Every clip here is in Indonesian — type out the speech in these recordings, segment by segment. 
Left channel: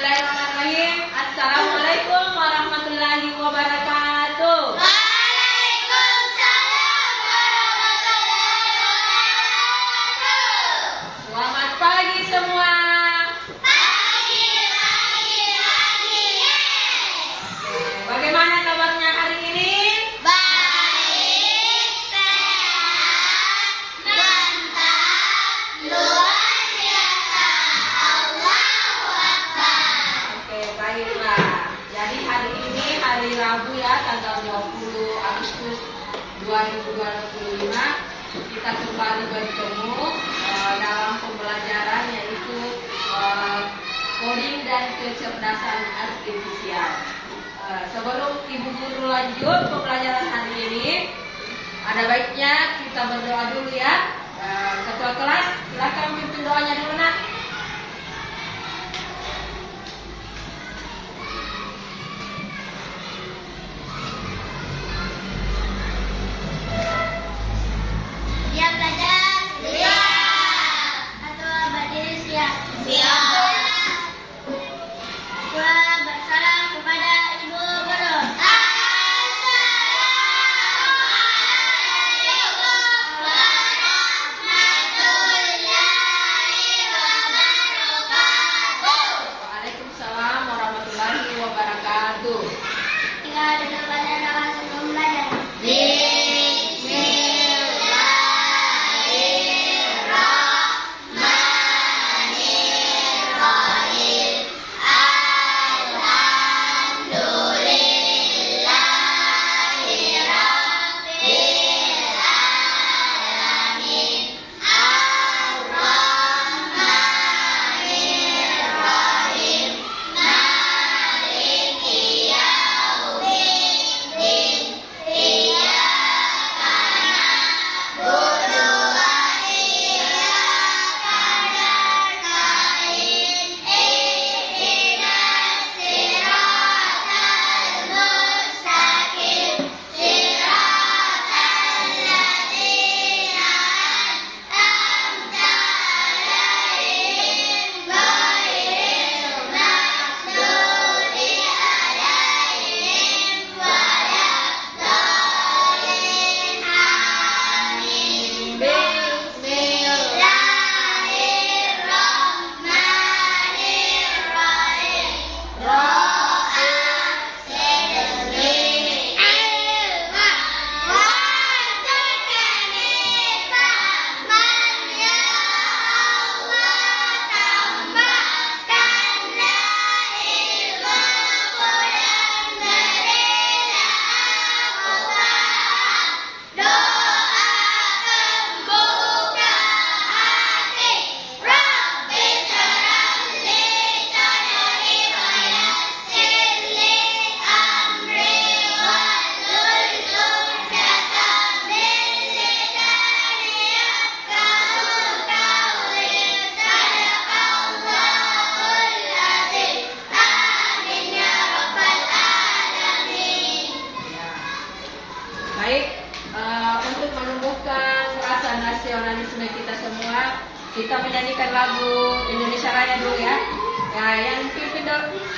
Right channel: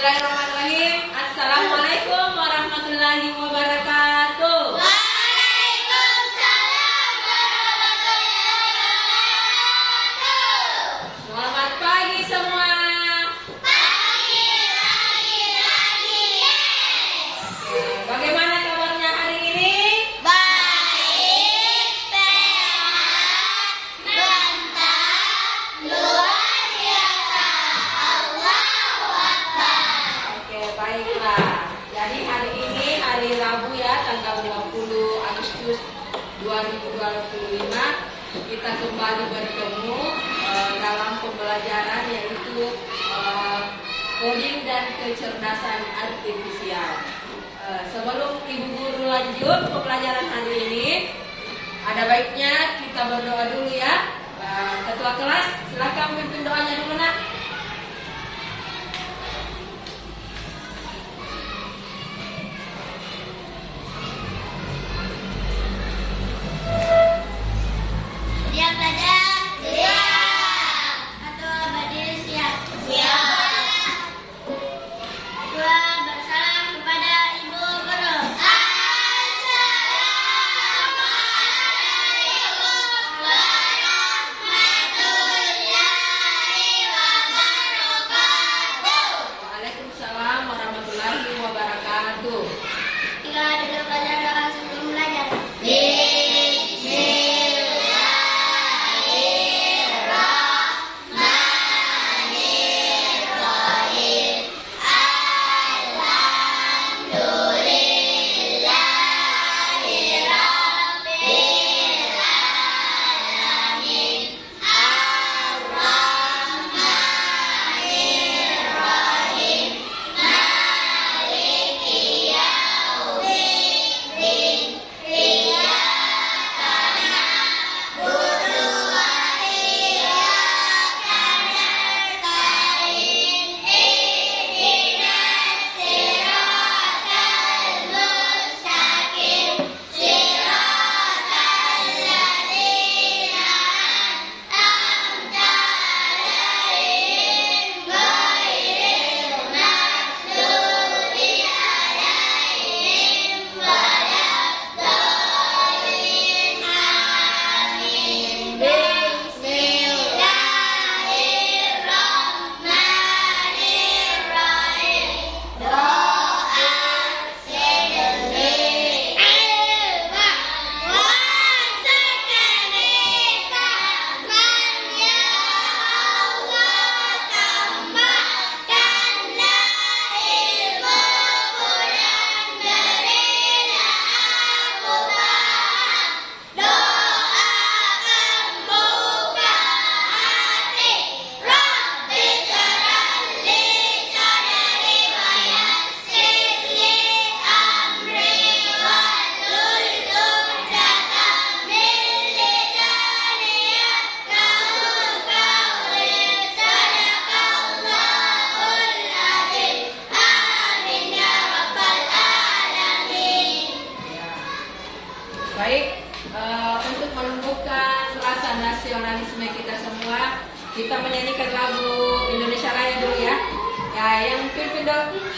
Bismillahirrahmanirrahim. Assalamualaikum warahmatullahi wabarakatuh. Waalaikumsalam warahmatullahi wabarakatuh. Selamat pagi semua. Pagi. Bagaimana kabarnya hari ini? Baik, sehat, mantap, luar biasa. Allahu Akbar. Oke, baiklah. Jadi hari ini hari Rabu ya, tanggal 20 Agustus 2025. Kita kembali bertemu dalam pembelajaran yaitu coding dan kecerdasan artifisial. Sebelum Ibu Guru lanjut pembelajaran hari ini, ada baiknya kita berdoa dulu ya. Ketua kelas, silakan pimpin doanya dulu nak. Siap belajar? Siap. Ketua Badir siap? Siap. Ketua bersalam kepada Ibu Guru. Assalamualaikum warahmatullahi wabarakatuh. Waalaikumsalam warahmatullahi wabarakatuh. Kita duduk pada doa sebelum belajar. Baik, untuk menumbuhkan rasa nasionalisme kita semua, kita menyanyikan lagu Indonesia Raya dulu ya. Ya, yang pimpin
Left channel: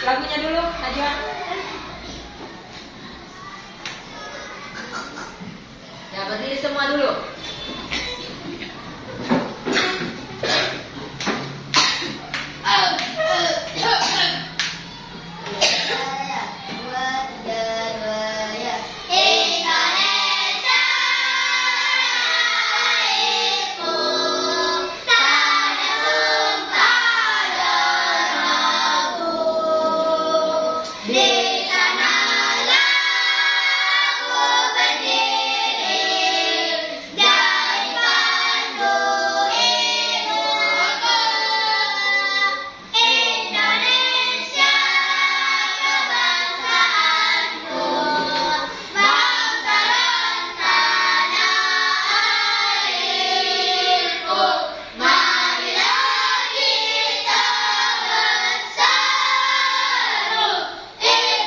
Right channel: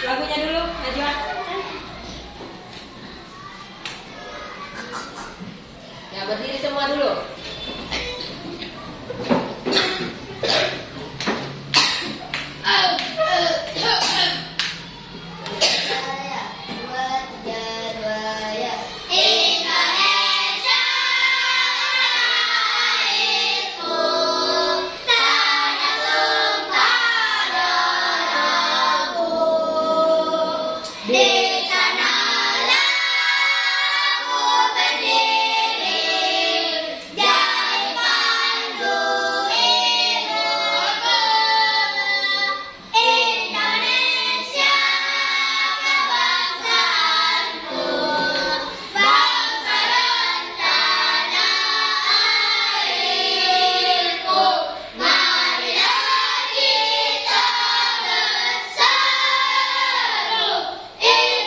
lagunya dulu, Najwa. Ya, berdiri semua dulu. Indonesia Raiku, tanah tumpah darahku. Di sanalah aku berdiri, jadi pandu ibuku. Indonesia kebangsaanku, bangsa dan tanah airku. Marilah kita bersatu, Indonesia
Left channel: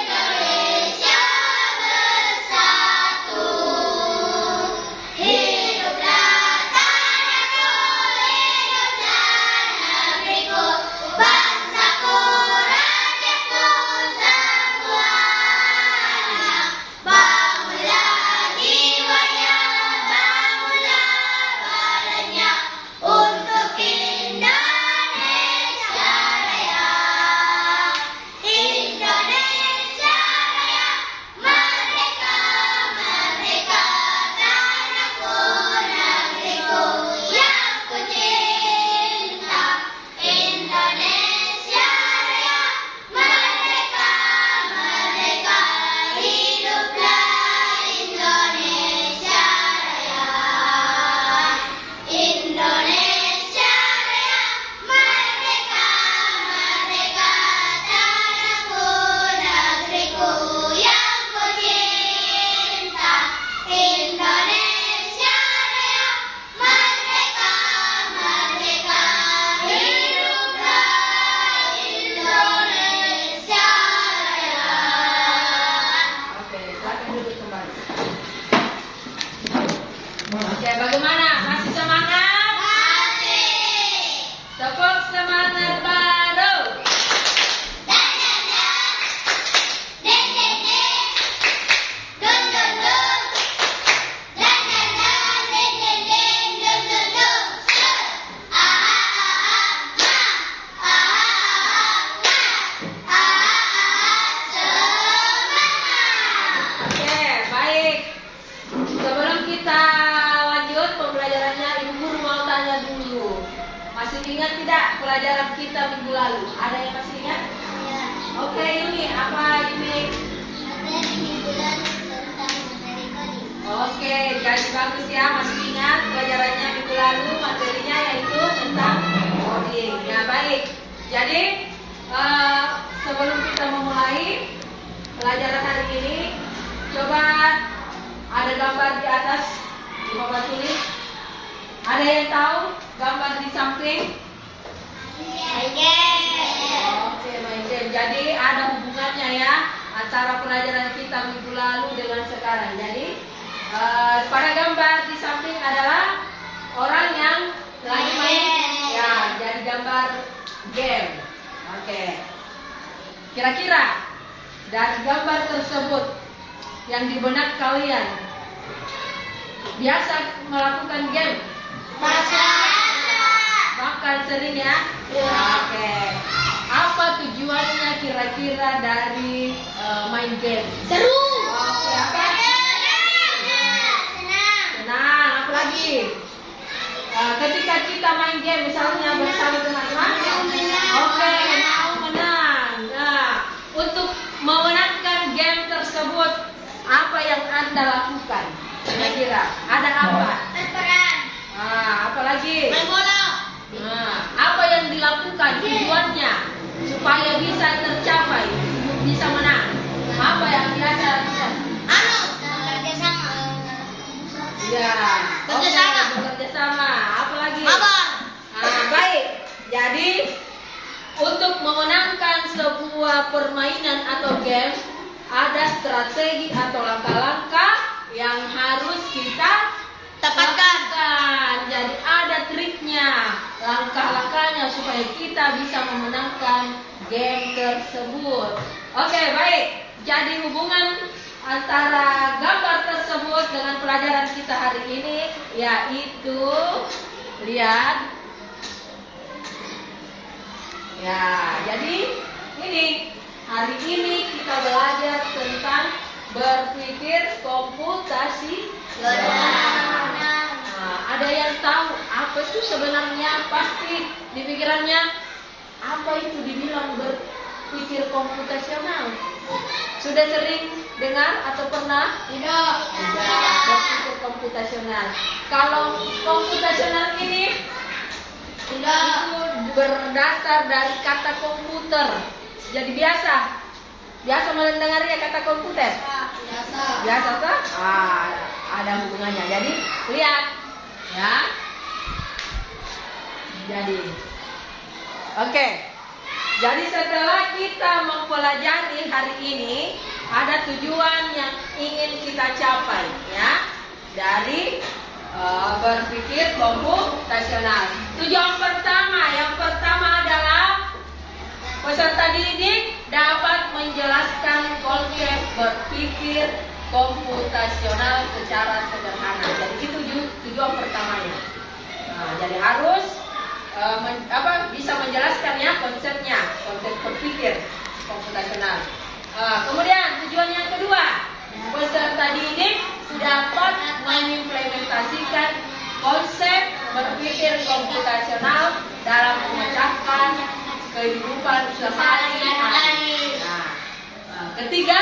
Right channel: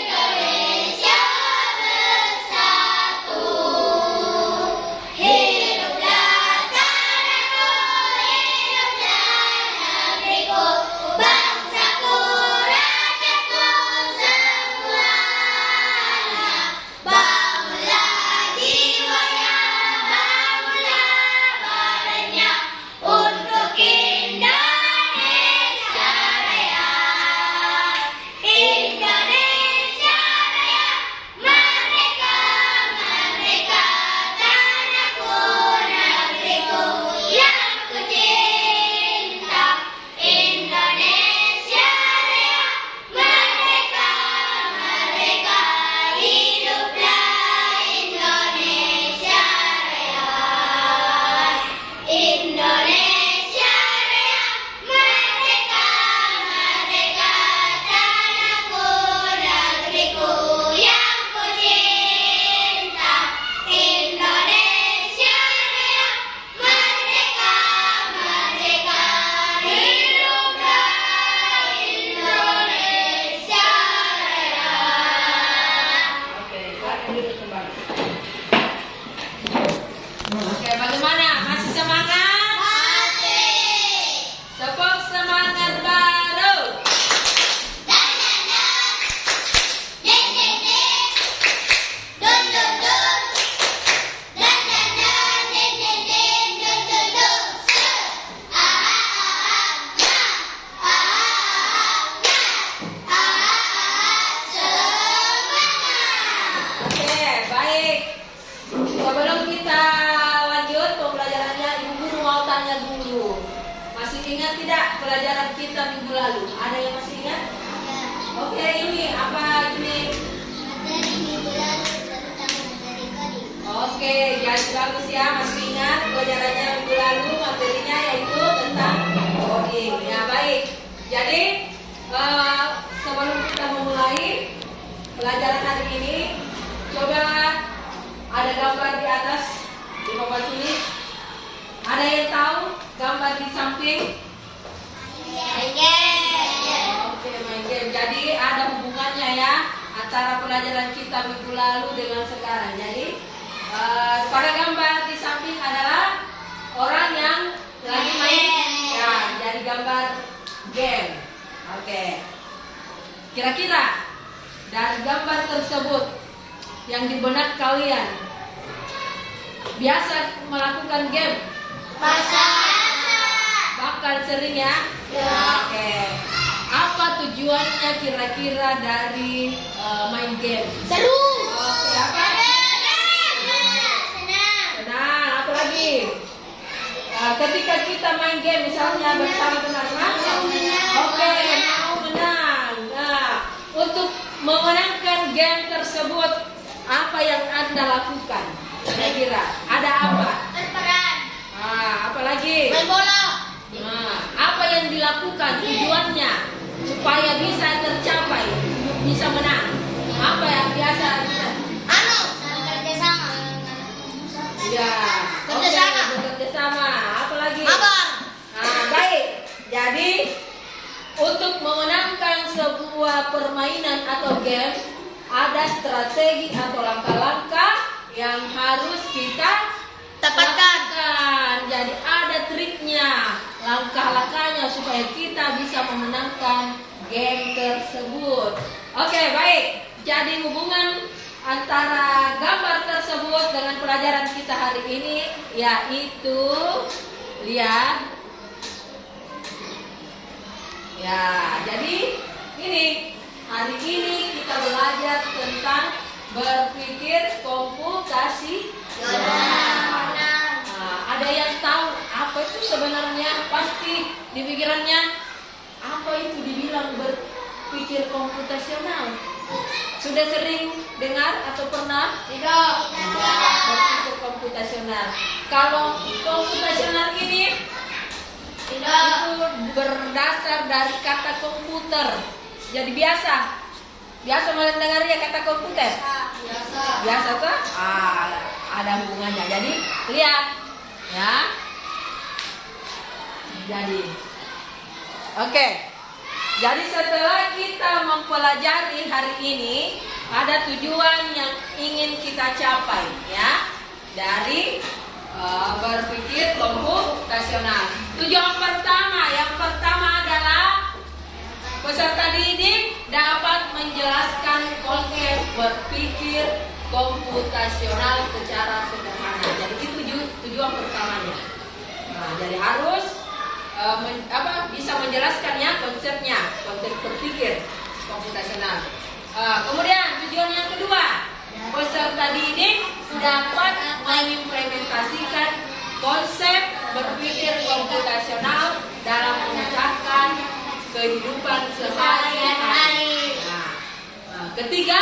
Oke, bagaimana? Masih semangat? Masih. Tepuk semangat baru. Dan dan dan. Den den den. Dun dun dun. Dan dan dan. Den den den. Dun dun dun. Se. Ah ah ah ah. Ah ah ah ah. Ah ah semangat. Oke, baik. Sebelum kita lanjut pembelajarannya, Ibu Guru mau tanya dulu. Masih ingat tidak pelajaran kita minggu lalu? Ada yang masih ingat? Ya. Oke, ini apa ini? Materi minggu lalu tentang materi coding. Oke, jadi bagus ya, masih ingat pelajarannya minggu lalu, materinya yaitu tentang coding. Ya, baik. Jadi, sebelum kita memulai pelajaran hari ini, coba ada gambar di atas di papan ini. Ada yang tahu gambar di samping? Oke, main game. Jadi ada hubungannya ya antara pelajaran kita minggu lalu dengan sekarang. Jadi pada gambar di samping adalah orang yang lagi main. Ya, jadi gambar game. Oke. Kira-kira dari gambar tersebut yang di benak kalian biasa melakukan game? Bakal sering ya? Oke. Apa tujuannya kira-kira dari main game? Seru. Oke, apa? Senang. Senang, apa lagi? Ketika kita main game misalnya bersama teman-teman, oke, mau menang. Nah, untuk memenangkan game tersebut, apa yang Anda lakukan? Kira-kira ada apa? Berperan. Apa lagi? Main bola. Nah, apa yang dilakukan tujuannya supaya bisa tercapai, bisa menang? Apa yang biasa lakukan? Bekerja sama. Ya, Bekerja oke, sama. bekerja sama. Apa lagi? Mabar. Baik. Jadi untuk memenangkan sebuah permainan atau game ada strategi atau langkah-langkah yang harus kita Dapatkan. lakukan. Jadi ada triknya, langkah-langkahnya supaya kita bisa memenangkan game tersebut. Oke, baik. Jadi hubungan antara gambar tersebut dengan pelajaran kita hari ini yaitu lihat. Ya, jadi ini hari ini kita belajar tentang berpikir komputasi. Ada yang tahu apa itu sebenarnya? Pasti di pikirannya apa itu dibilang berpikir komputasional. Sudah sering dengar atau pernah? Tidak. Berpikir komputasional. Kalau komputasional ini Tidak. itu berdasar dari kata komputer. Jadi biasa mendengarnya kata komputer. Biasa tuh? Ada hubungannya. Jadi lihat ya. Jadi oke. Jadi setelah kita mempelajari hari ini, ada tujuan yang ingin kita capai ya dari berpikir komputasional. Tujuan yang pertama adalah peserta didik dapat menjelaskan konsep berpikir komputasional secara sederhana. Jadi itu tujuan pertamanya. Nah, jadi harus bisa menjelaskannya konsepnya, konsep berpikir komputasional. Kemudian tujuan yang kedua, peserta didik dapat mengimplementasikan konsep berpikir komputasional dalam memecahkan kehidupan sehari-hari. Nah, ketiga,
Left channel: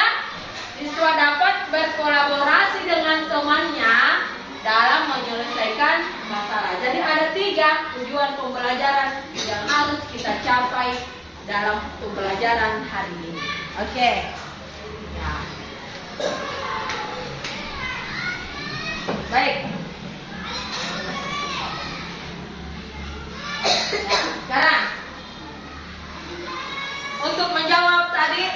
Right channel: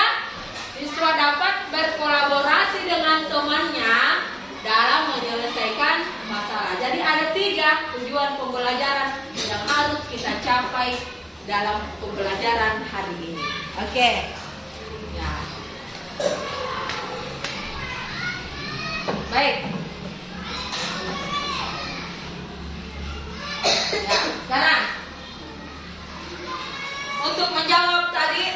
siswa dapat berkolaborasi dengan temannya dalam menyelesaikan masalah. Jadi ada 3 tujuan pembelajaran yang harus kita capai dalam pembelajaran hari ini. Oke. Ya. Baik. Ya, sekarang untuk menjawab tadi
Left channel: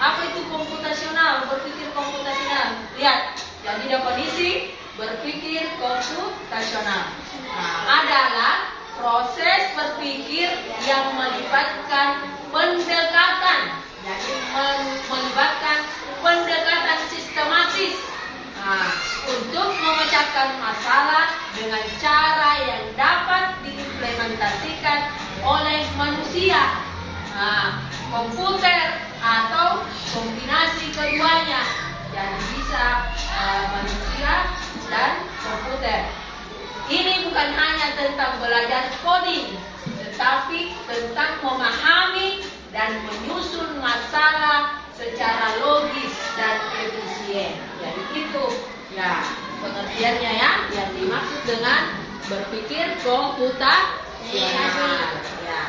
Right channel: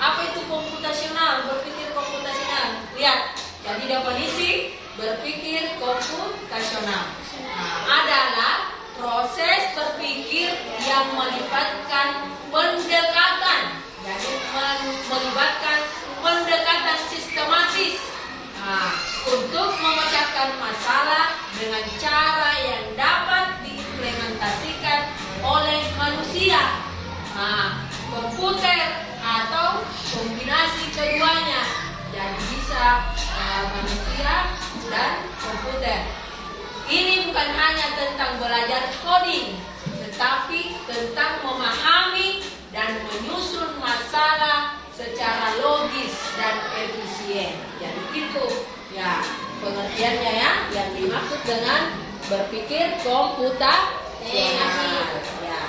apa itu komputasional, berpikir komputasional. Lihat, jadi definisi berpikir komputasional adalah proses berpikir yang melibatkan pendekatan, jadi melibatkan pendekatan sistematis untuk memecahkan masalah dengan cara yang dapat diimplementasikan oleh manusia, komputer atau kombinasi keduanya. Jadi bisa manusia dan komputer. Ini bukan hanya tentang belajar coding, tetapi tentang memahami dan menyusun masalah secara logis dan efisien. Jadi itu ya pengertiannya ya yang dimaksud dengan berpikir komputasional. Ya.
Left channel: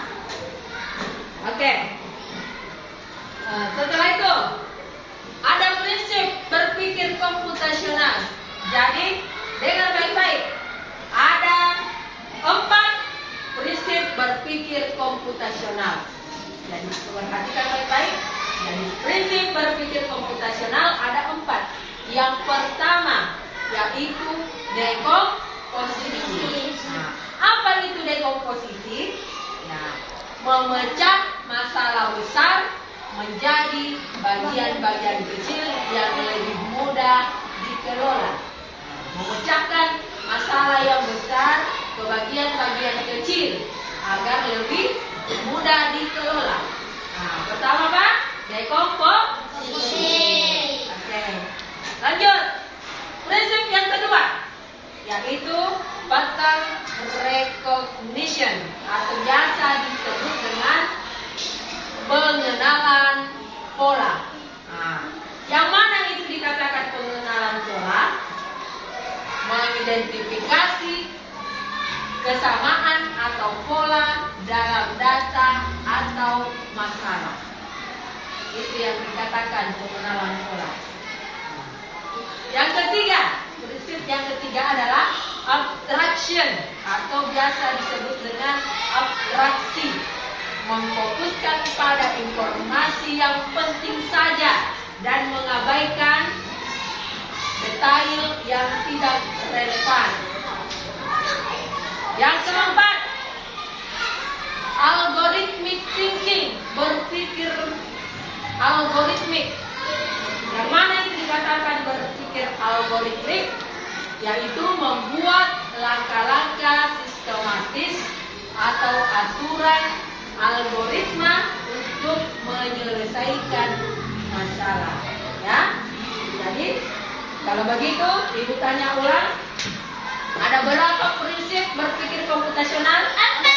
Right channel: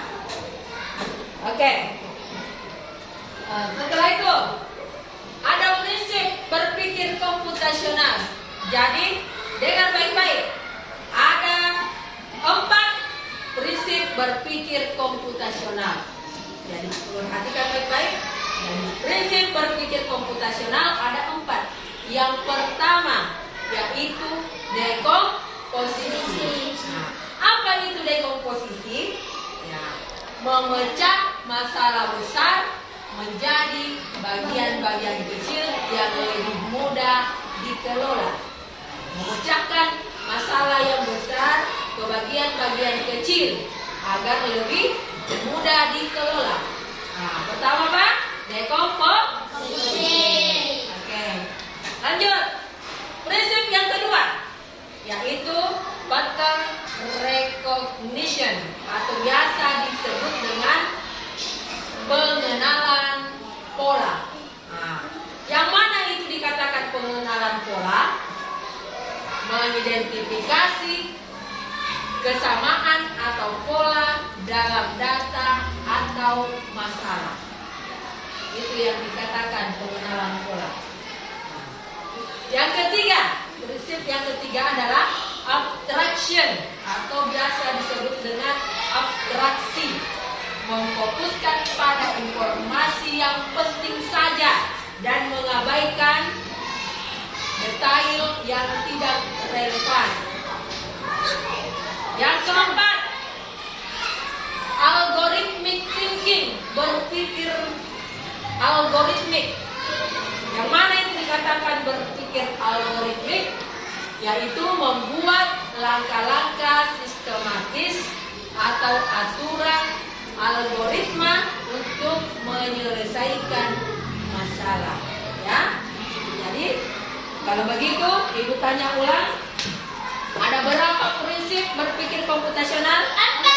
Oke. Setelah itu ada prinsip berpikir komputasional. Jadi dengar baik-baik. Ada 4 prinsip berpikir komputasional. Jadi perhatikan baik-baik. Jadi prinsip berpikir komputasional ada 4. Yang pertama yaitu dekomposisi. Apa itu dekomposisi? Ya, memecah masalah besar menjadi bagian-bagian kecil yang lebih mudah dikelola. Memecahkan masalah yang besar ke bagian-bagian kecil agar lebih mudah dikelola. Pertama apa? Dekomposisi. Oke. Lanjut. Prinsip yang kedua yaitu pattern recognition atau biasa disebut dengan pengenalan pola. Yang mana itu dikatakan pengenalan pola? Mengidentifikasi kesamaan atau pola dalam data atau masalah. Itu yang dikatakan pengenalan pola. Yang ketiga, prinsip yang ketiga adalah abstraction atau biasa disebut dengan abstraksi. Memfokuskan pada informasi yang penting saja dan mengabaikan detail yang tidak relevan. Yang keempat, algorithmic thinking, berpikir algoritmik. Yang mana itu dikatakan berpikir algoritmik? Yaitu membuat langkah-langkah sistematis atau aturan algoritma untuk menyelesaikan masalah. Ya, jadi kalau begitu, Ibu tanya ulang. Ada berapa prinsip berpikir komputasional? Ada.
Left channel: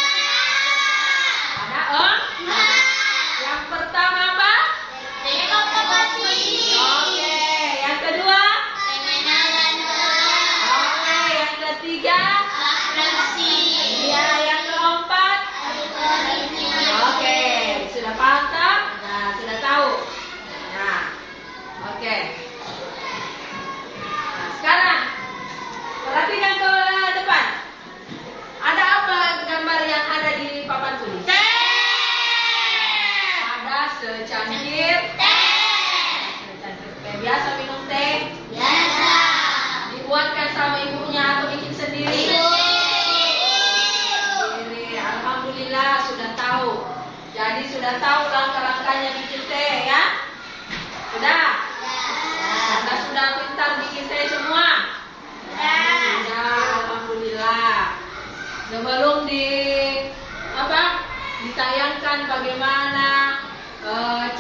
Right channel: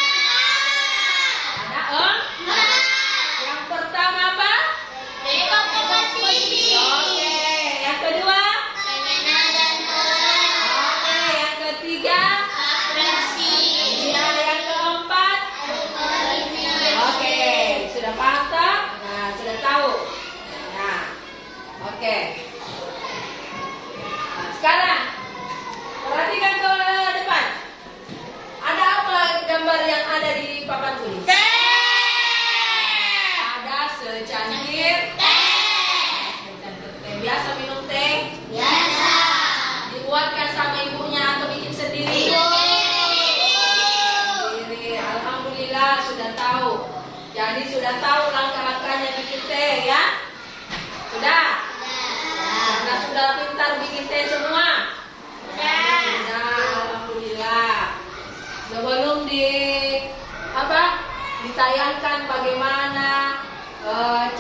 Yang pertama apa? Dekomposisi. Oke. Yang kedua? Pengenalan pola. Oke. Yang ketiga? Abstraksi. Ya. Yang keempat? Algoritma. Oke. Sudah paham? Nah, sudah tahu. Nah, oke. Sekarang perhatikan ke depan. Ada apa gambar yang ada di papan tulis? Ada secangkir Teh. teh. Biasa minum teh? Biasa. Dibuatkan sama ibunya atau bikin sendiri? Sendiri. Alhamdulillah sudah tahu. Jadi sudah tahu langkah-langkahnya bikin teh ya? Sudah? Nah, sudah pintar bikin teh semua? Nah, alhamdulillah. Sebelum ditayangkan bagaimana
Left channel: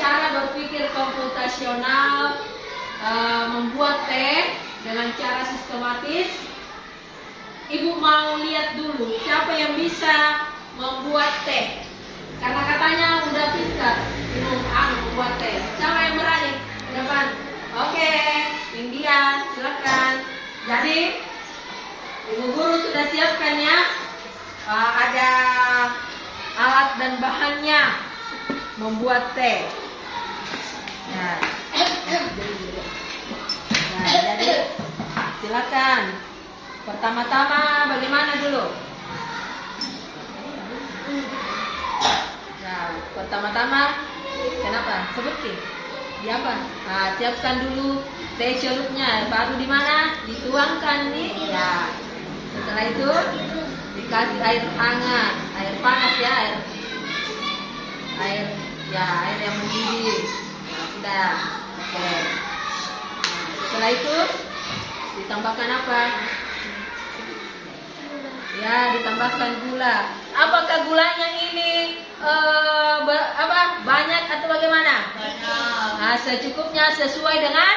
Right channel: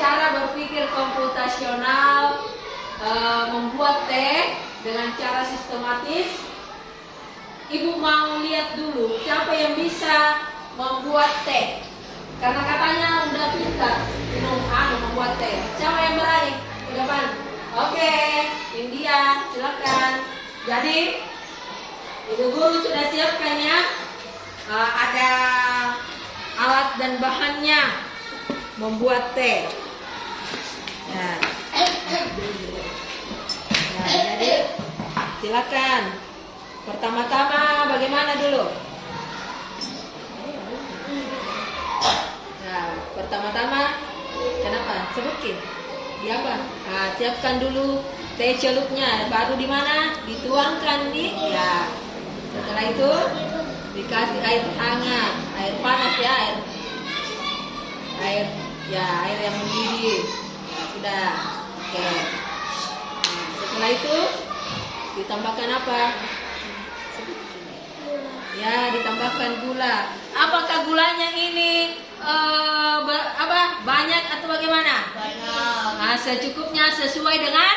cara berpikir komputasional membuat teh dengan cara sistematis, Ibu mau lihat dulu siapa yang bisa membuat teh. Karena katanya udah pintar membuat teh. Siapa yang berani? Ke depan. Oke, India, silakan. Jadi, Ibu guru sudah siapkan ya. Ada alat dan bahannya membuat teh. Nah, jadi silakan. Pertama-tama bagaimana dulu? Nah, pertama-tama kenapa? Sebutkin. di apa? Siapkan dulu teh celupnya, baru di mana? Dituangkan di ya. Setelah itu dikasih air hangat, air panas ya, air yang mendidih. Nah, sudah. Oke. Setelah itu ditambahkan apa? Ya, ditambahkan gula. Apakah gulanya ini banyak atau bagaimana? Banyak. Nah, secukupnya sesuai dengan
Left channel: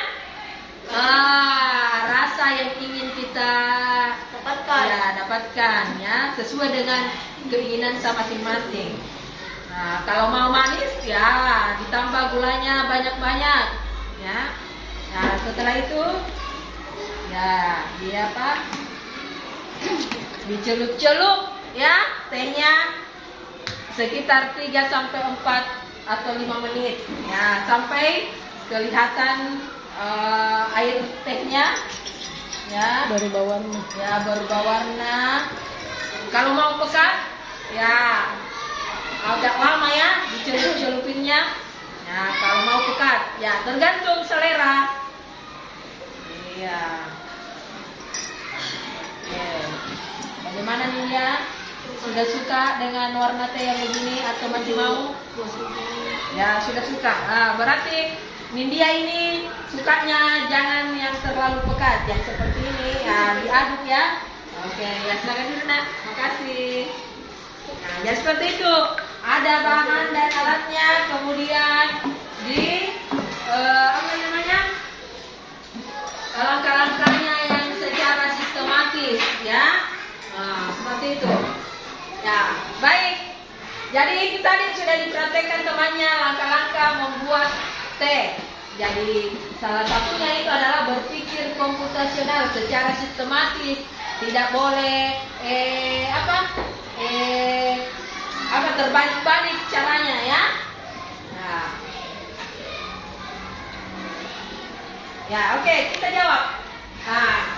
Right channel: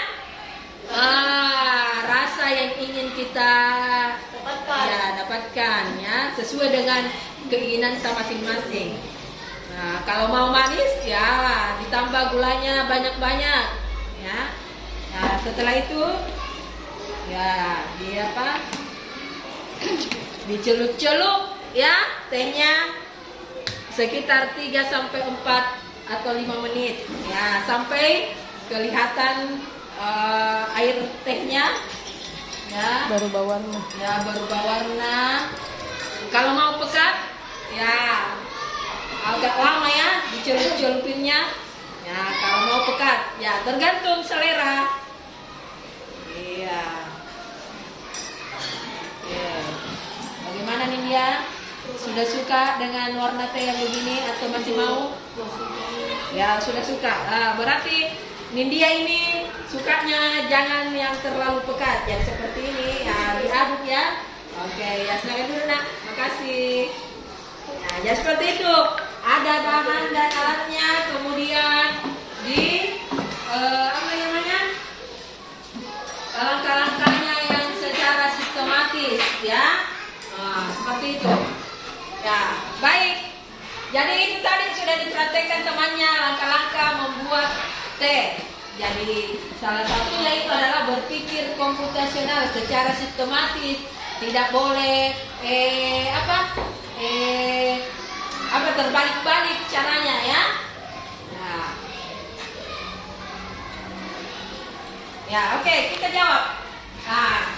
rasa yang ingin kita dapatkan ya, sesuai dengan keinginan kita masing-masing. Nah, kalau mau manis ya ditambah gulanya banyak-banyak ya. Nah, setelah itu ya dicelup-celup ya tehnya sekitar 3 sampai 4 atau 5 menit ya, sampai kelihatan air tehnya ya Baru bawarna. baru berwarna. Kalau mau pekat ya agak lama ya dicelup-celupinnya ya. Kalau mau pekat ya tergantung selera. Iya. Oke. Bagaimana nih ya? Sudah suka dengan warna teh yang begini atau masih mau? Ya sudah suka. Berarti Nindya ini sukanya jangan yang terlalu pekat, yang seperti ini ya, diaduk ya. Oke, ya silakan dulu nak. Makasih. Nah, ya seperti itu. Ada bahan dan alatnya, kemudian di langkah-langkahnya yang secara sistematis ya. Nah, seperti itu. Ya, baik. Jadi itu tadi sudah dipraktekkan temannya langkah-langkah membuat teh. Jadi salah satunya itu adalah berpikir komputasional secara sistematis. Tidak boleh terbalik-balik caranya ya. Nah. Ya, oke, kita jawab. Nah,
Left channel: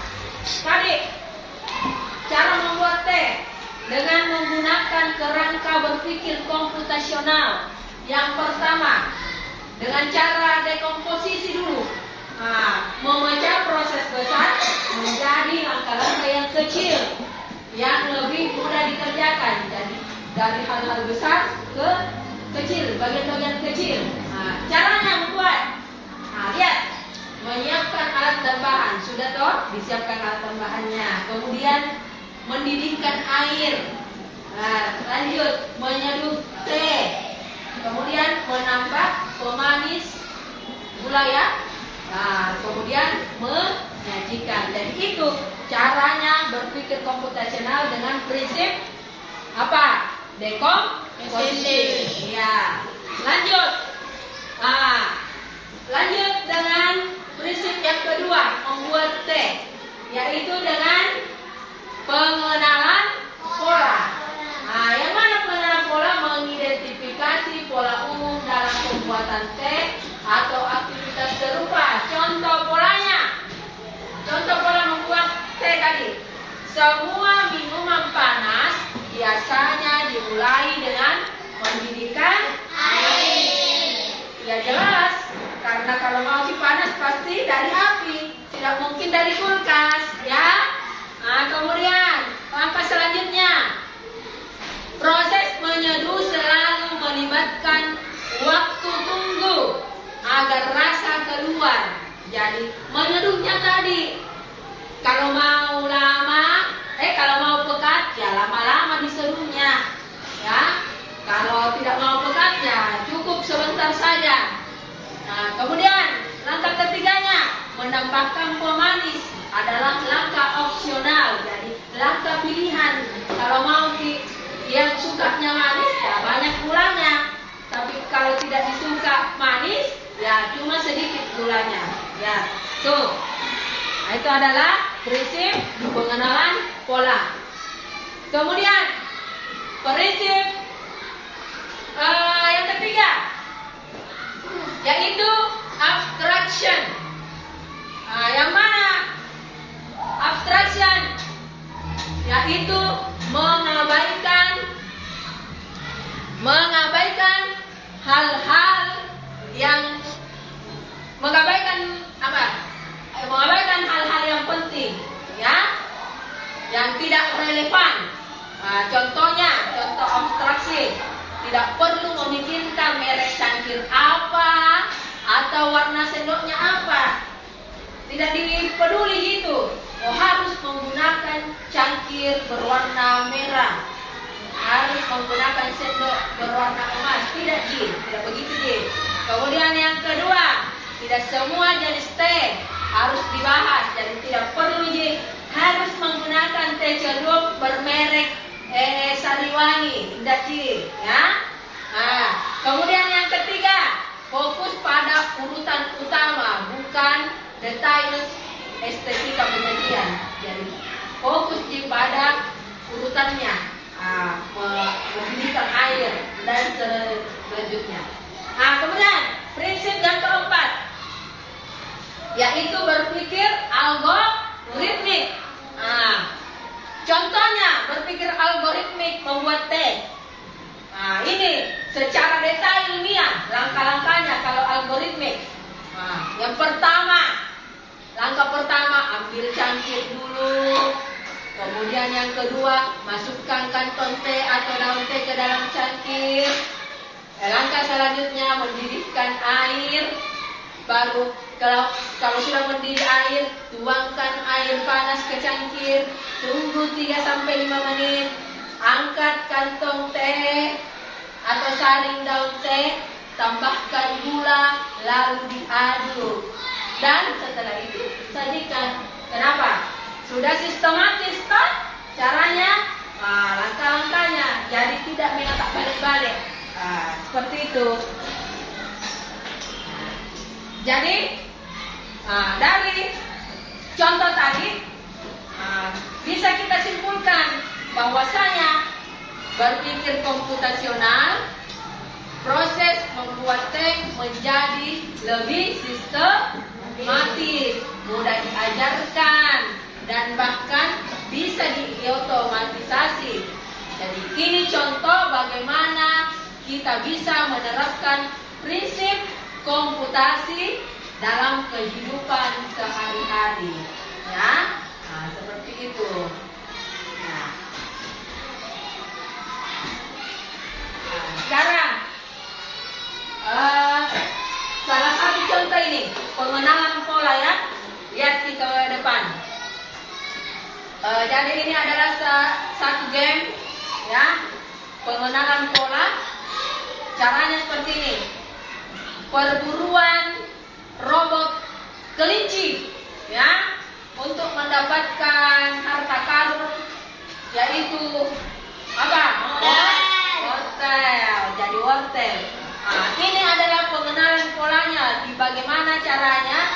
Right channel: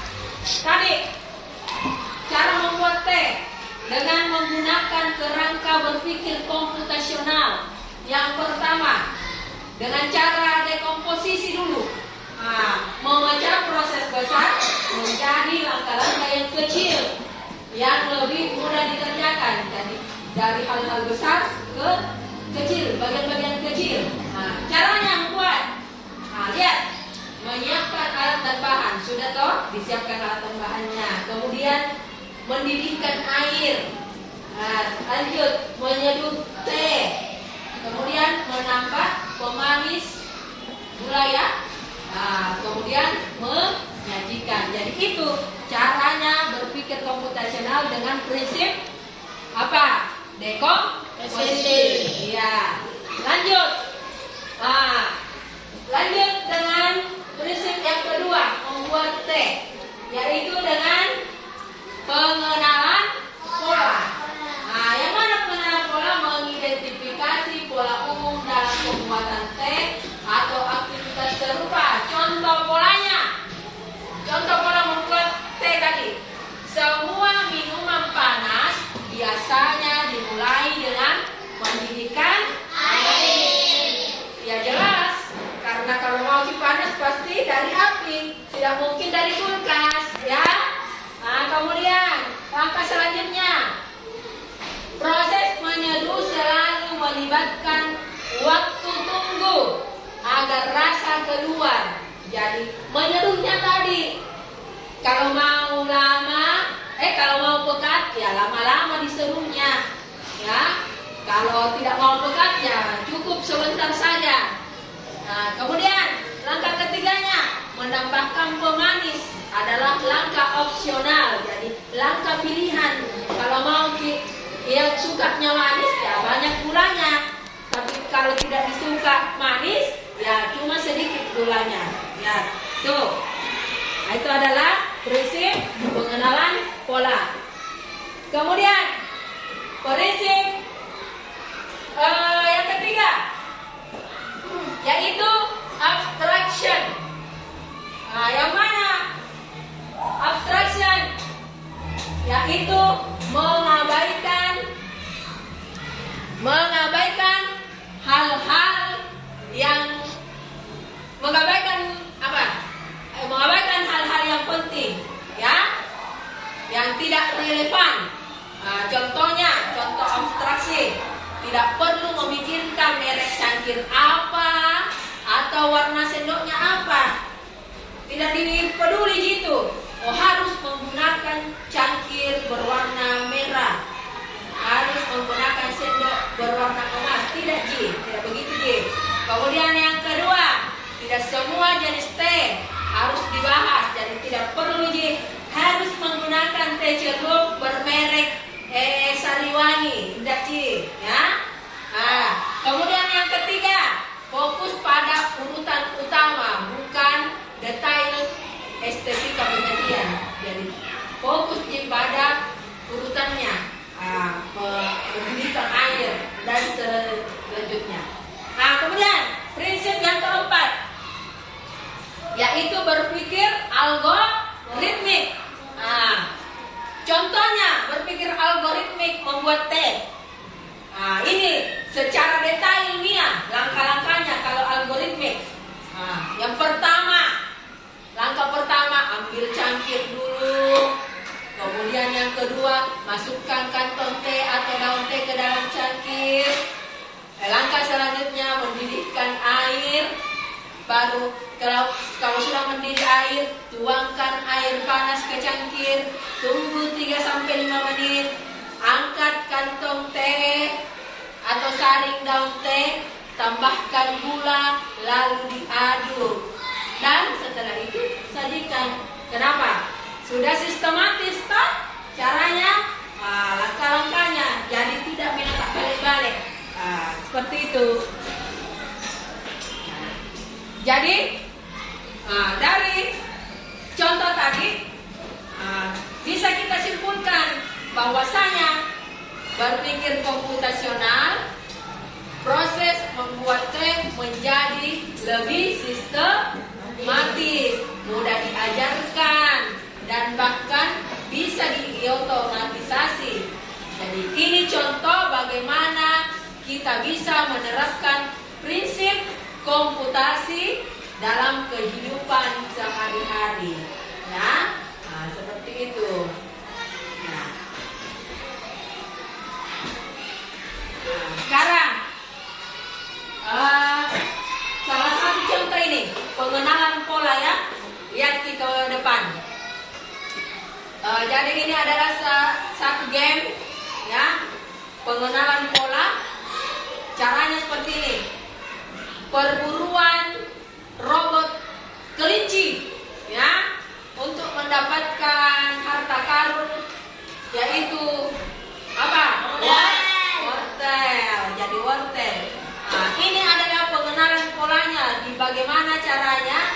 tadi cara membuat teh dengan menggunakan kerangka berpikir komputasional. Yang pertama, dengan cara dekomposisi dulu. Nah, memecah proses besar menjadi langkah-langkah yang kecil yang lebih mudah dikerjakan. Jadi dari hal-hal besar ke kecil, bagian-bagian kecil. Nah, caranya membuat. Nah, lihat, menyiapkan alat dan bahan. Sudah toh, disiapkan alat dan bahannya. Kemudian mendidihkan air. Nah, lanjut menyeduh teh. Kemudian menambah pemanis gula ya. Nah, kemudian menyajikan. Jadi itu caranya berpikir komputasional dengan prinsip apa? Dekomposisi. Ya. Lanjut. Nah, lanjut dengan prinsip yang kedua, membuat teh, yaitu dengan pengenalan pola. Nah, yang mana pengenalan pola? Mengidentifikasi pola umum dalam pembuatan teh atau aktivitas serupa. Contoh polanya. Contoh pola membuat teh tadi. Semua minuman panas biasanya dimulai dengan mendidihkan air. Ya jelas, karena kalau mau panas pasti dari api, tidak mungkin dari kulkas, ya. Nah, kemudian langkah selanjutnya, proses menyeduh selalu melibatkan waktu tunggu agar rasa keluar. Jadi menyeduhnya tadi, kalau mau pekat ya lama-lama diseduhnya, ya. Kalau tidak mau pekat ya cukup sebentar saja. Nah, kemudian langkah ketiganya, menambahkan pemanis adalah langkah opsional. Jadi langkah pilihan. Kalau mau yang sukanya manis ya banyak gulanya. Tapi kalau tidak disuka manis ya cuma sedikit gulanya. Ya, tuh. Nah, itu adalah prinsip pengenalan pola. Kemudian prinsip yang ketiga, yaitu abstraction. Yang mana abstraction? Yaitu mengabaikan hal-hal yang cangkir apa atau warna sendoknya apa. Tidak dipeduli gitu. Oh, harus menggunakan cangkir berwarna merah. Harus menggunakan sendok berwarna emas. Tidak, Ji. Tidak begitu, Ji. Kemudian yang kedua, tidak semua jenis teh harus dibahas. Jadi tidak perlu, Ji. Harus menggunakan teh celup bermerek Sariwangi. Tidak, Ji. Ya. Nah, kemudian yang ketiga, fokus pada urutan utama, bukan detail estetika penyajian. Jadi fokus pada urutannya, mendidihkan air dan selanjutnya. Nah, kemudian prinsip yang keempat, yaitu berpikir algoritmik. Nah, contohnya berpikir algoritmik membuat teh. Nah, ini secara detail ilmiah langkah-langkahnya kalau algoritmik. Nah, yang pertama, langkah pertama ambil cangkir dulu. Kemudian yang kedua, masukkan kantong teh atau daun teh ke dalam cangkir. Langkah selanjutnya mendidihkan air. Baru kalau sudah mendidih air, tuangkan air panas ke cangkir. Tunggu 3-5 menit. Angkat kantong teh atau saring daun teh, tambahkan gula, lalu diaduk. Dan setelah itu sajikan. Kenapa? Sudah sistematis toh caranya, langkah-langkahnya. Jadi tidak menatap balik-balik. Seperti itu. Jadi dari contoh tadi bisa kita simpulkan bahwasanya berpikir komputasional, proses membuat teh menjadi lebih sistematis, mudah diajarkan, dan bahkan bisa diotomatisasi. Jadi ini contoh bagaimana kita bisa menerapkan prinsip komputasi dalam kehidupan sehari-hari. Ya, seperti itu. Sekarang salah satu contoh ini pengenalan pola ya. Lihat ke depan. Jadi ini adalah satu game ya, pengenalan pola. Caranya seperti ini. Perburuan robot kelinci ya, untuk mendapatkan harta karun, yaitu apa? Wortel. Jadi wortel. Nah, ini adalah pengenalan polanya. Di bagaimana caranya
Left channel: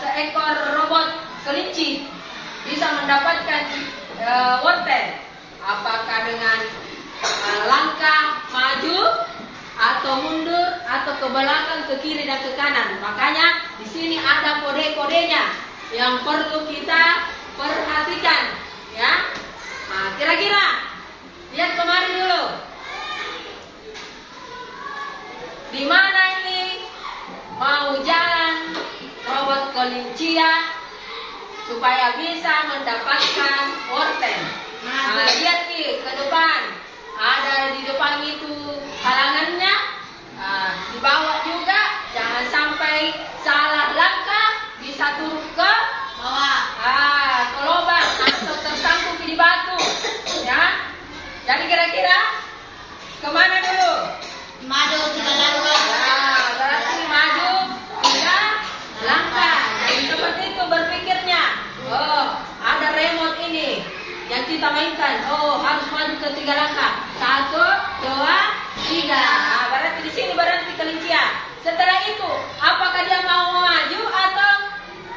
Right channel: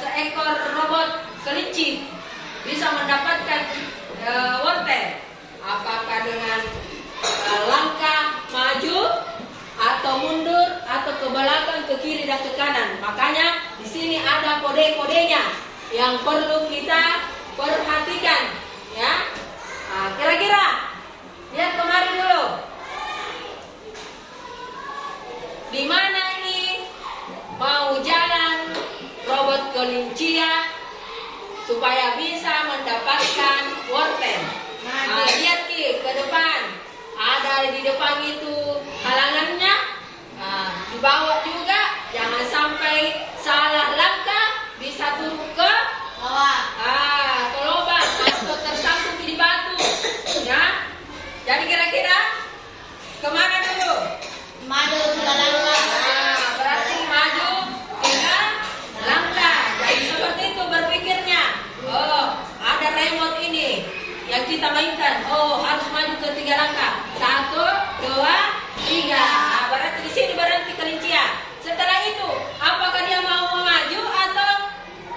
seekor robot kelinci bisa mendapatkan wortel. Apakah dengan langkah maju atau mundur atau ke belakang, ke kiri dan ke kanan. Makanya di sini ada kode-kodenya yang perlu kita perhatikan ya. Nah, kira-kira lihat kemari dulu. Di mana ini mau jalan robot kelincia supaya bisa mendapatkan wortel. Nah, lihat ke depan. Ada di depan itu halangannya. Nah, di bawah juga jangan sampai salah langkah bisa turun ke bawah. Ke lubang atau tersangkut di batu. Ya. Jadi kira-kira kemana dulu? Maju 3 langkah. Berarti maju 3 langkah. Jadi seperti itu berpikirnya. Oh, ada remote ini yang kita mainkan. Oh, harus maju ke 3 langkah. 1, 2, 3. Nah, berarti di sini berhenti kelincian. Setelah itu, apakah dia mau maju atau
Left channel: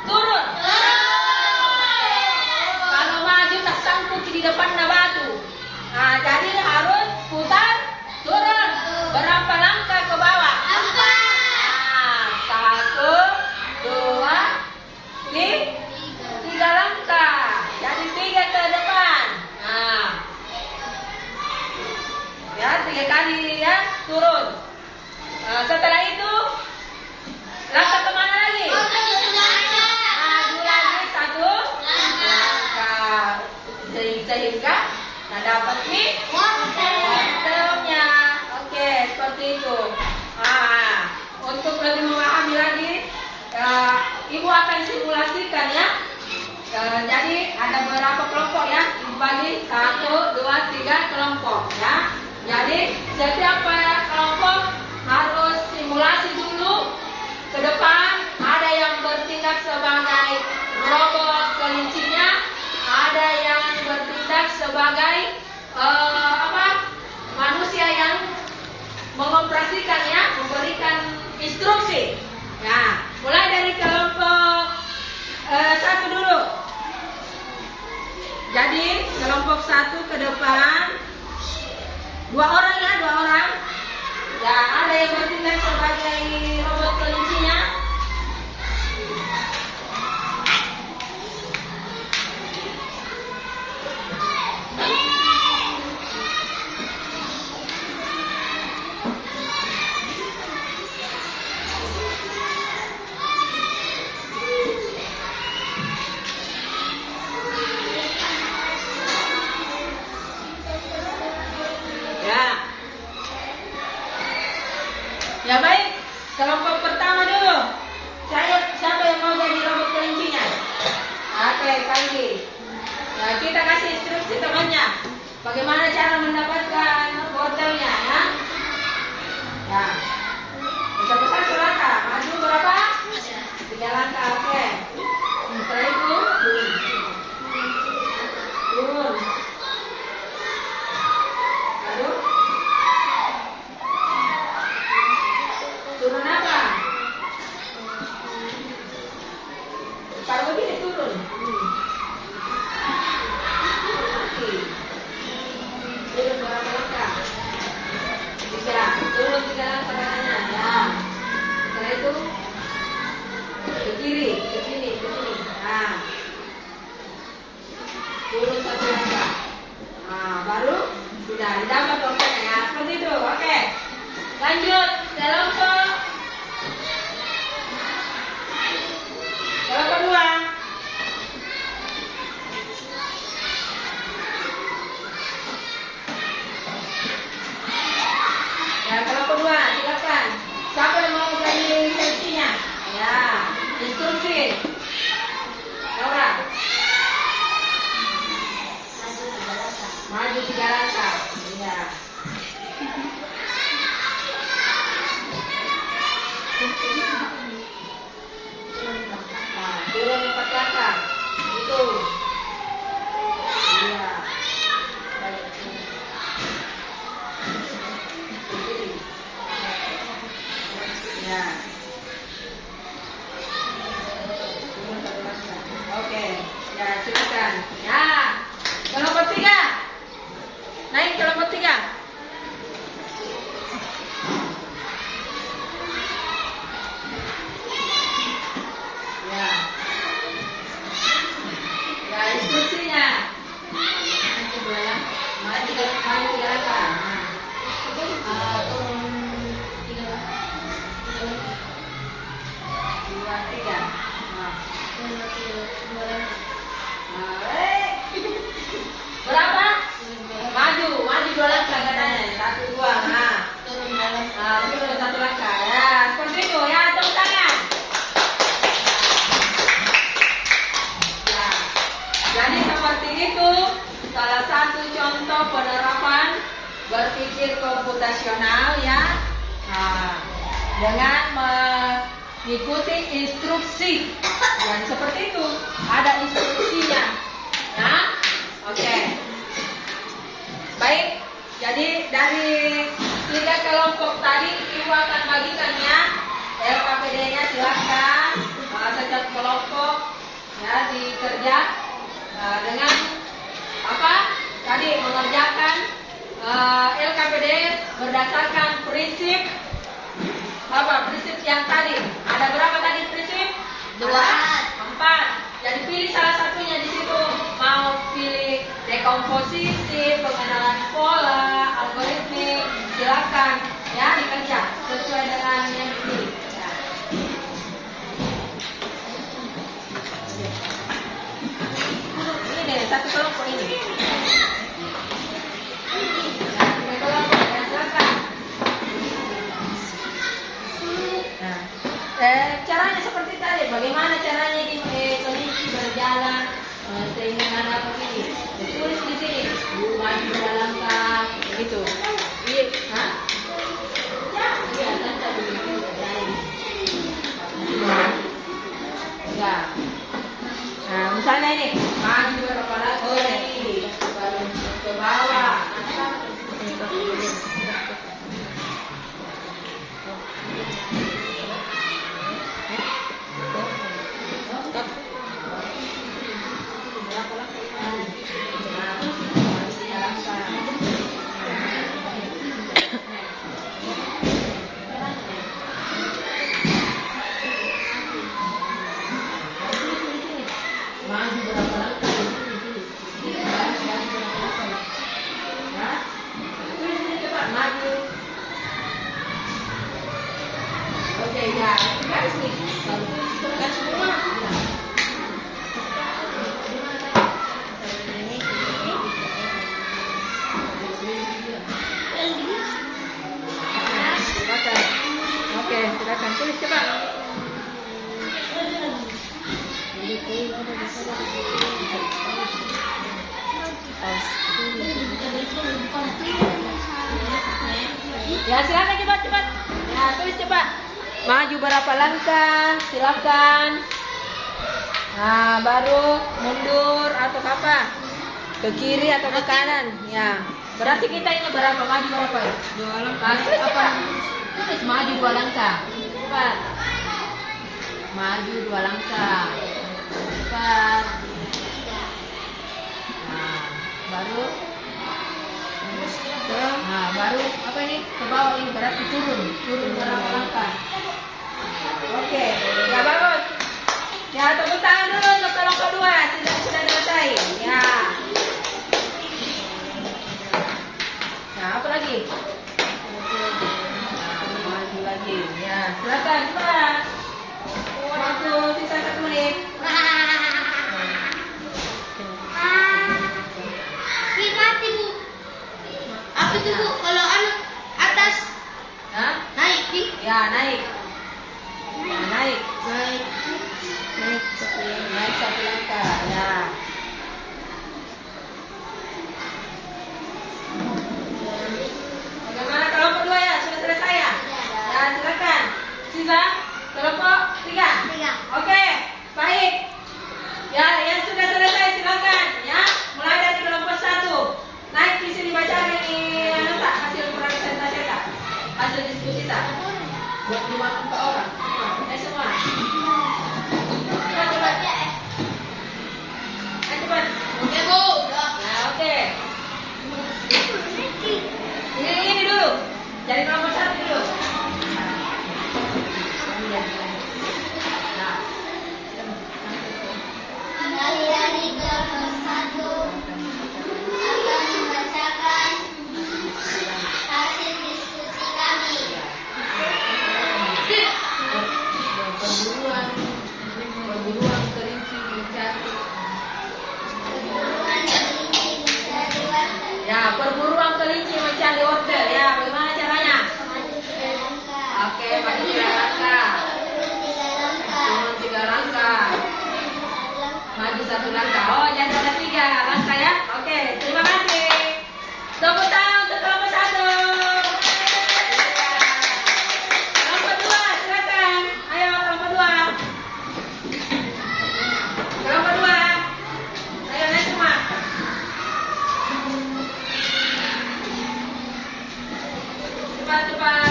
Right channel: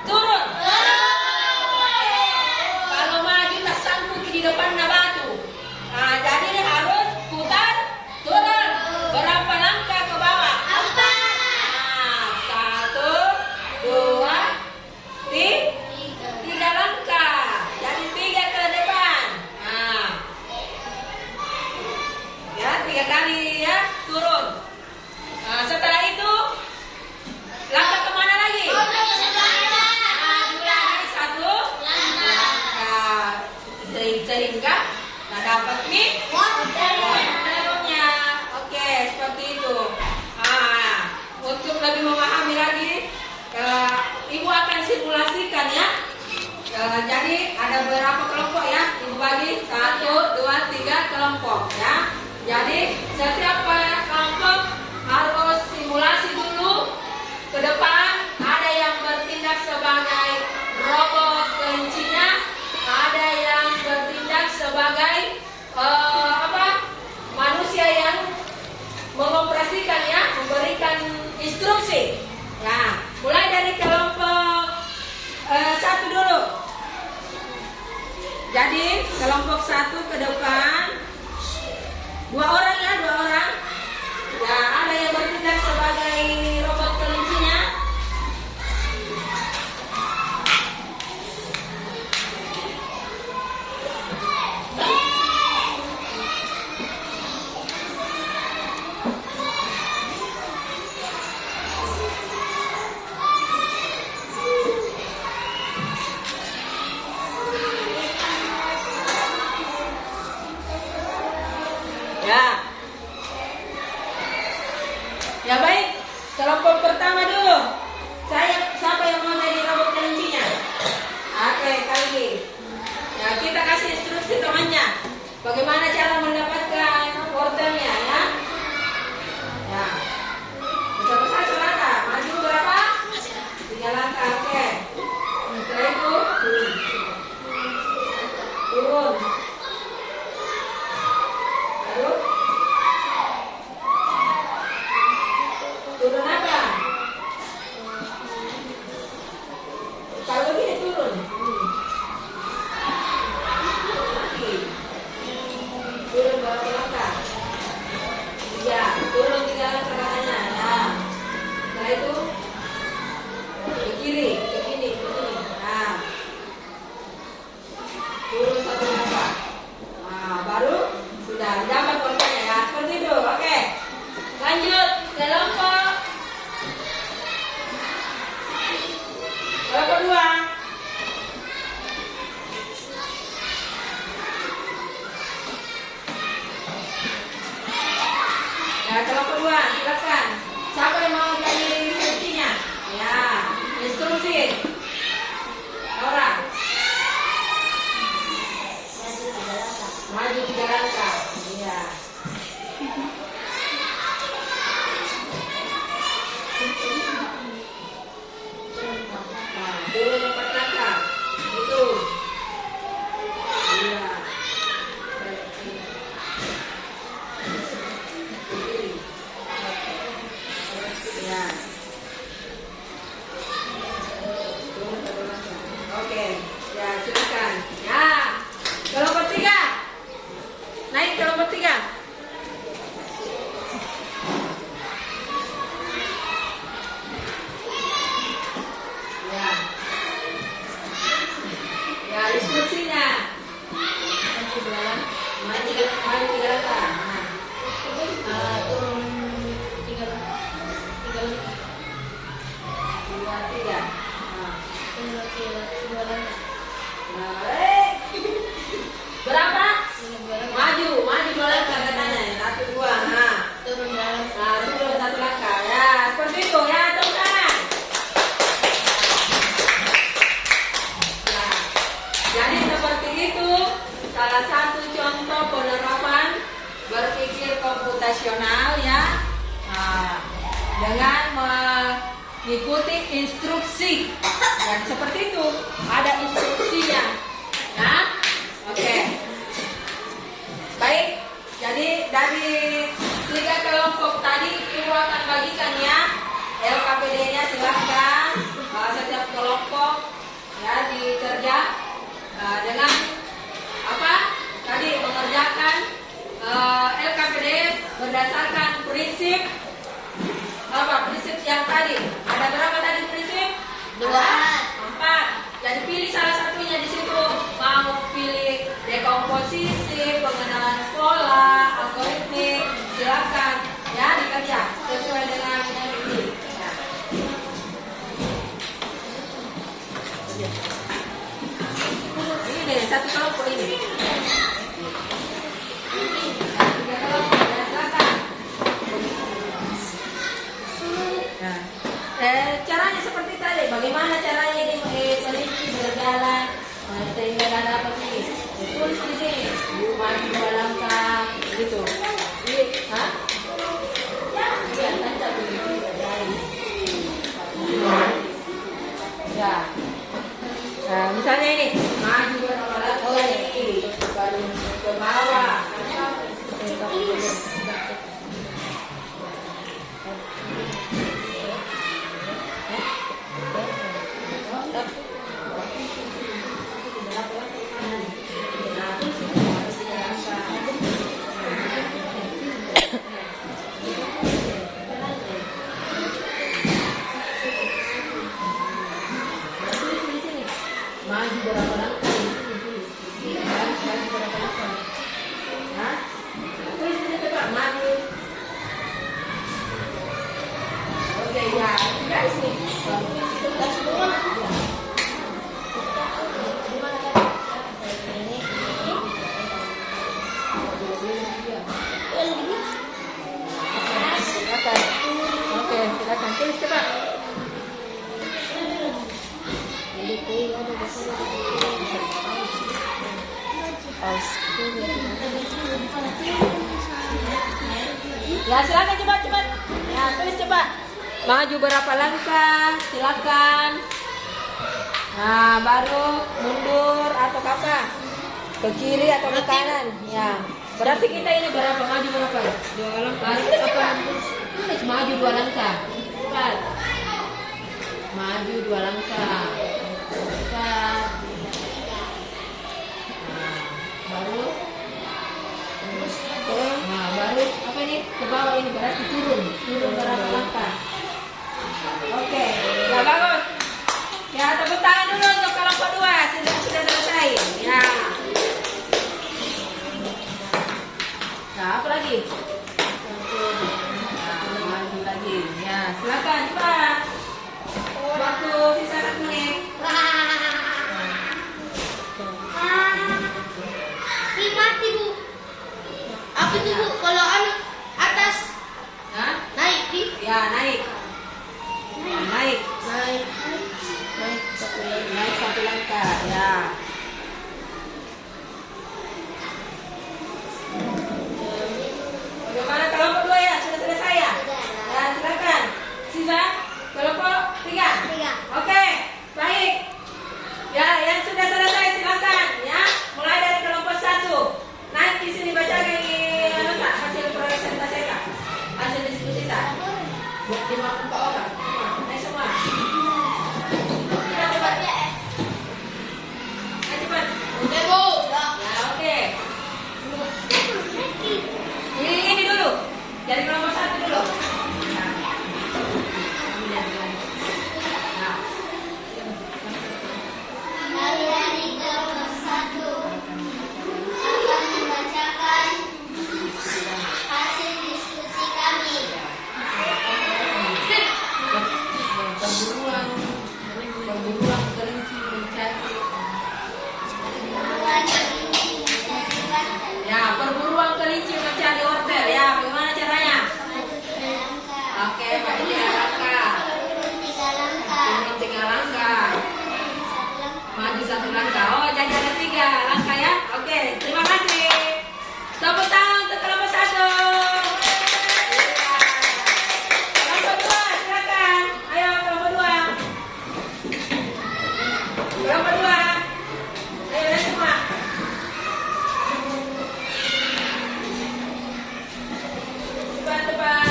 turun? Kalau maju tersangkut di depan batu. Nah, jadi dia harus putar, turun. Berapa langkah ke bawah? 4. Nah, 1, 2, 3 langkah. Jadi 3 ke depan. Nah, ya 3 kali ya turun. Nah, setelah itu langkah kemana lagi? Maju lagi 1 langkah. Sehingga tanda dapat nih wortelnya. Oke, seperti itu. Untuk lebih memahami lagi, Ibu akan simulasikan ya. Jadi ada berapa kelompok ya? Ibu bagi 1, 2, 3 kelompok ya. Jadi setiap kelompok harus simulasi dulu. Ke depan ada yang bertindak sebagai robot kelincinya, ada yang bertindak sebagai manusia yang mengoperasikan ya, memberikan instruksi. Nah, mulai dari kelompok 1 dulu. Jadi kelompok 1 ke depan 2 orang ya, 2 orang. Ya, ada yang bertindak sebagai robot kelincinya. Ya. Ya baik, kelompok pertama dulu. Siapa yang mau jadi robot kelincinya? Oke, Kali. Ya, kita kasih instruksi temannya. Bagaimana cara mendapatkan wortelnya ya? Ya. Besar-besar selangkah. Maju berapa? 3 langkah. Oke. Setelah itu turun. Lalu turun apa? Kalau begini turun. Turun berapa langkah? 3. Turun 3 langkah katanya. Nah, setelah itu ke kiri, ke sini, ke sini. Nah, turun 1 langkah. Nah, baru sudah dapat wortelnya ya. Seperti itu. Oke. Lanjut kelompok kedua. Ya, kelompok kedua, silakan. Siapa yang mau jadi instruksinya? Ya, instruksi. Laura. Maju 3 langkah. Iya. Nah, turun 4 langkah. Itu. Iya. Ya. Turun 1 langkah. Oke. Ya, silakan. Ya. Kelompok 3. Naik kelompok 3. Ya. Ya, instruksinya. Maju 3 langkah. Nah. Turun 3 langkah. 3. Nah. Berapa? Maju 2 langkah katanya. 1, 2. Nah. Turun 1 langkah. Ya, seperti itu ya. Tepuk tangan. Ya. Jadi seperti itu salah satu contoh penerapan berpikir komputasional ya. Nah, dengan mengikuti instruksi. Dan seperti itu ada instruksinya. Nah, oke. Baik, jadi dari 3 kelompok tadi Ibu akan bagikan ya LKPD-nya, silakan setiap kelompok ya dikerja dengan apa? Tadi mengerjakan LKPD berdasarkan prinsip apa? Prinsip yang tadi. Ada berapa tadi prinsip? 2. 4. Jadi pilih salah satunya di situ. Mau pilih dekomposisi, pengenalan pola, algoritmik, silakan ya dikerja sesuai dengan yang dipilih. Ya. Ini deh satu kelompok ini. ada apa ini? Tulis di sini. Maju 2 langkah. Begitu. Iya, hah? Iya, kan dulu. Ya. Nah, misalnya ini, maju berapa langkah ini? Baru ke bawah. Maju berapa langkah? Maju berapa langkah? Hah? Tulis ini coba, maju. Oke, ya. Garis nih. Sebelah semua. Silakan. Oke, silakan tulis coba. Ya, silakan cepat. Ya, tulis coba. Maju berapa langkah? Silakan. Nah, baru mundur atau apa? Ke kiri atau ke kanan? Ya. Berarti kita ini berapa? Maju berapa? 2 langkah. Apa? Tulis maju 2 langkah. Cepat. Maju 2 langkah. Cepat. Nah, baru. Nah, baru apa ini? Ke bawah ini berarti turun berapa langkah? Oke, ya bagus. Ya, tepuk tangan dulu untuk kelompok 2. Sudah selesai. Ya. Nah, apa lagi? Nah, maju lagi. Ya, silakan Pak. Waktu sisa 1 menit. Mati Bu. Apa tuh Bu? Kalau atas Hah? naik di? Ya, naik. Nah, naik. Naik 1 langkah. Ya. Bagaimana kelompok 2 ya? Sudah selesai ya? Ya, silakan. Sisa kelompok 3. Oke, baik. Ya, yang sudah selesai silakan ya. Mulai dari kelompok 1. Naik di sini baca lagi Pak, hasil presentasi tak? Hasil diskusi tak? Buat 54 orang. Semua. Coba. Coba. Oke Bu. Nah, oke. Ini dulu. Dari nomor 1 dulu. Nah. Dari kelompok 1 akan membacakan hasil diskusi kami. Perburuan kelinci mencari. Ya, perburuan kelinci mencari order ya. Bagaimana caranya? Oke, maju 3 langkah. Turun 3 langkah. Maju 1 langkah. Oh, jadi ada 3 langkah ya. Oke, terima kasih. Tepuk tangan untuk kelompok 1. Kelompok 2, silakan. Ayo kelompok 2. Kelompok 2. Ayo naik semua. Cepat.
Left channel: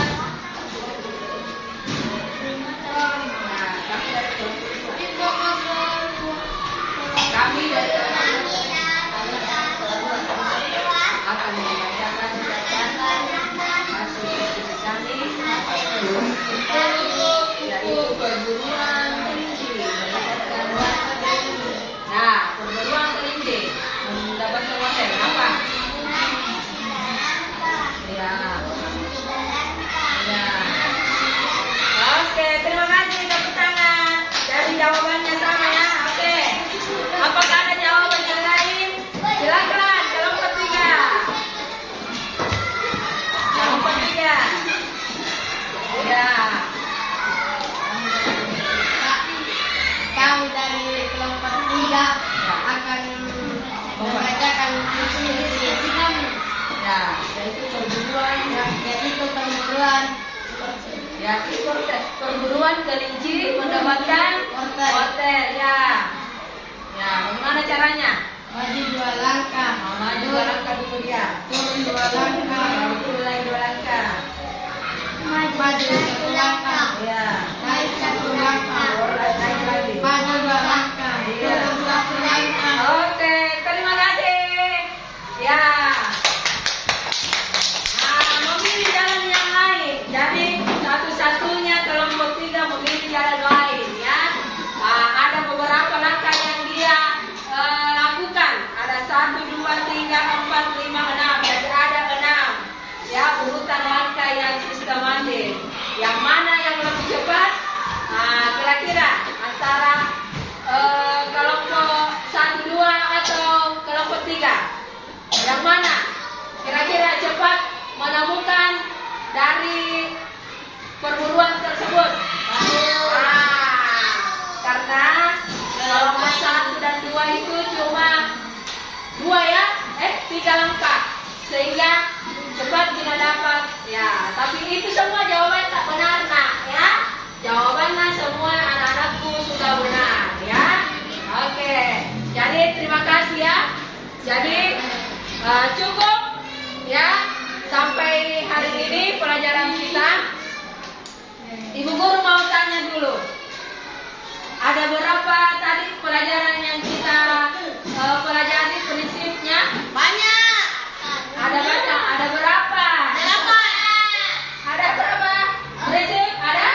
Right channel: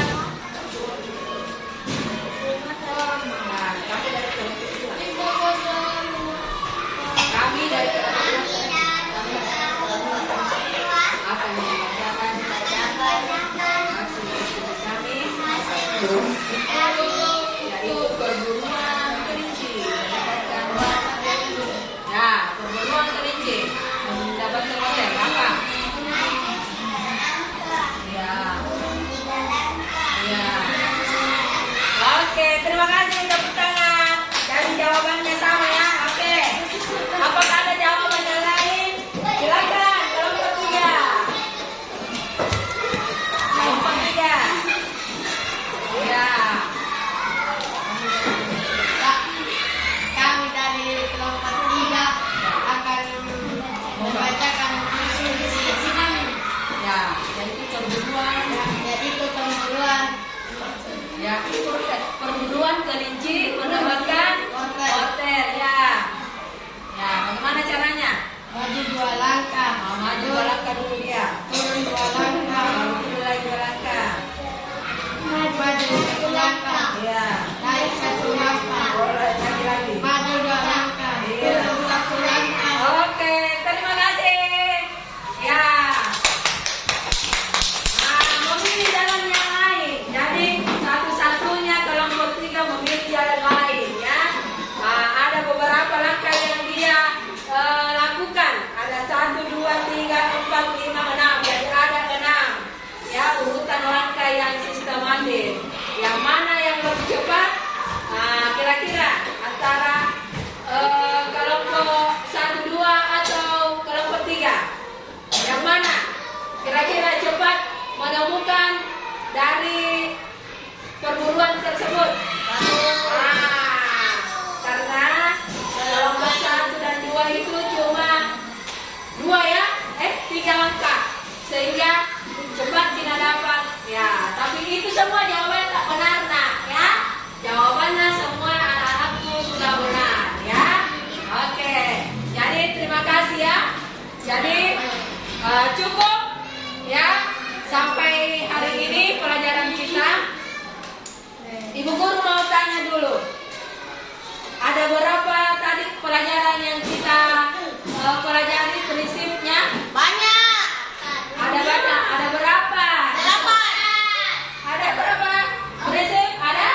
Nah, kami dari kelompok 2 akan membacakan hasil diskusi kami, yaitu perburuan kelinci mendapatkan. Nah, perburuan kelinci mendapatkan order apa? Ya. Ya. Oke, terima kasih, tepuk tangan. Jadi jawabannya sama ya. Oke. Apakah ada jawaban yang lain? Silakan, kelompok 3. Kelompok 3. Ya. Kami dari kelompok 3 akan yaitu perburuan. yaitu perburuan. Ya, itu perburuan kelinci mendapatkan hotel ya. Ya, bagaimana caranya? Maju 2 langkah. Maju 2 langkah dulu dia. Turun 2 langkah. Turun lagi 2 langkah. Maju 1 langkah. Ya. Naik 1 langkah. Naik lagi. Maju 2 langkah. Turun 1 langkah. Oke, terima kasih. Ya. Nah, memilih jalan yang lain. Jadi satu-satunya kelompok 3 memilih jalan lain ya. Nah, ada beberapa langkah yang dia lakukan. Ada 1, 2, 3, 4, 5, 6. Jadi ada 6. Ya, urutan langkah yang sistematis. Yang mana yang lebih cepat? Nah, kira-kira antara kelompok 1, 2 atau kelompok 3? Yang mana? Kira-kira cepat menemukan dari perburuan tersebut? Karena kelompok 1 dan 2 itu cuma 3 langkah. Sehingga cepat tidak dapat. Ya, tapi itu semua jawaban tak benar nak ya. Jawabannya semua anak-anakku sudah benar ya. Oke. Jadi terima kasih ya. Jadi cukup ya sampai hari ini pelajaran kita. Ibu guru mau tanya dulu. Ada berapa tadi pelajaran yang kita pelajari prinsipnya? Banyak. Ada banyak. Ada berapa? Ada berapa? Prinsip? Ada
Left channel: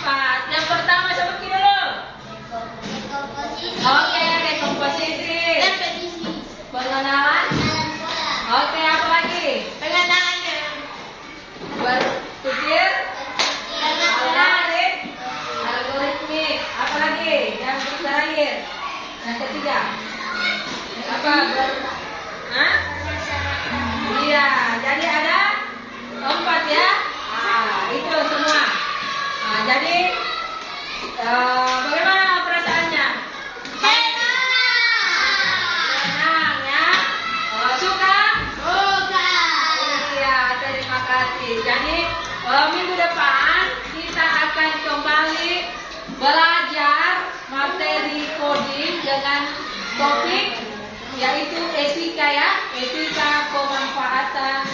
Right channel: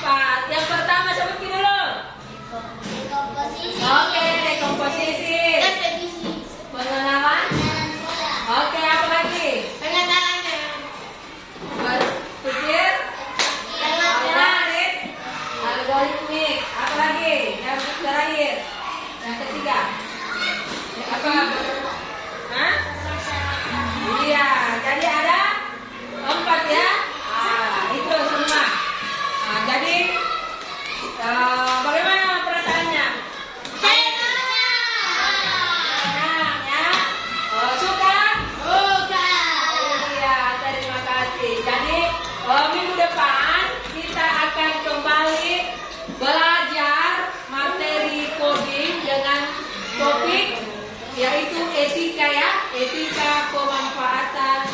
4. Yang pertama seperti dulu. Komposisi. Oke, dekomposisi. Repetisi. Pengenalan. Oke, apa lagi? Pengenalan. Berpikir. Algoritmik. Algoritmik. Apa lagi? Yang terakhir. Yang ketiga. Apa? Hah? Iya, jadi ada 4 ya. Itu semua. Jadi bagaimana perasaannya? Senang ya. Suka? Iya, terima kasih. Jadi minggu depan kita akan kembali belajar materi coding dengan topik yaitu etika ya, etika pemanfaatan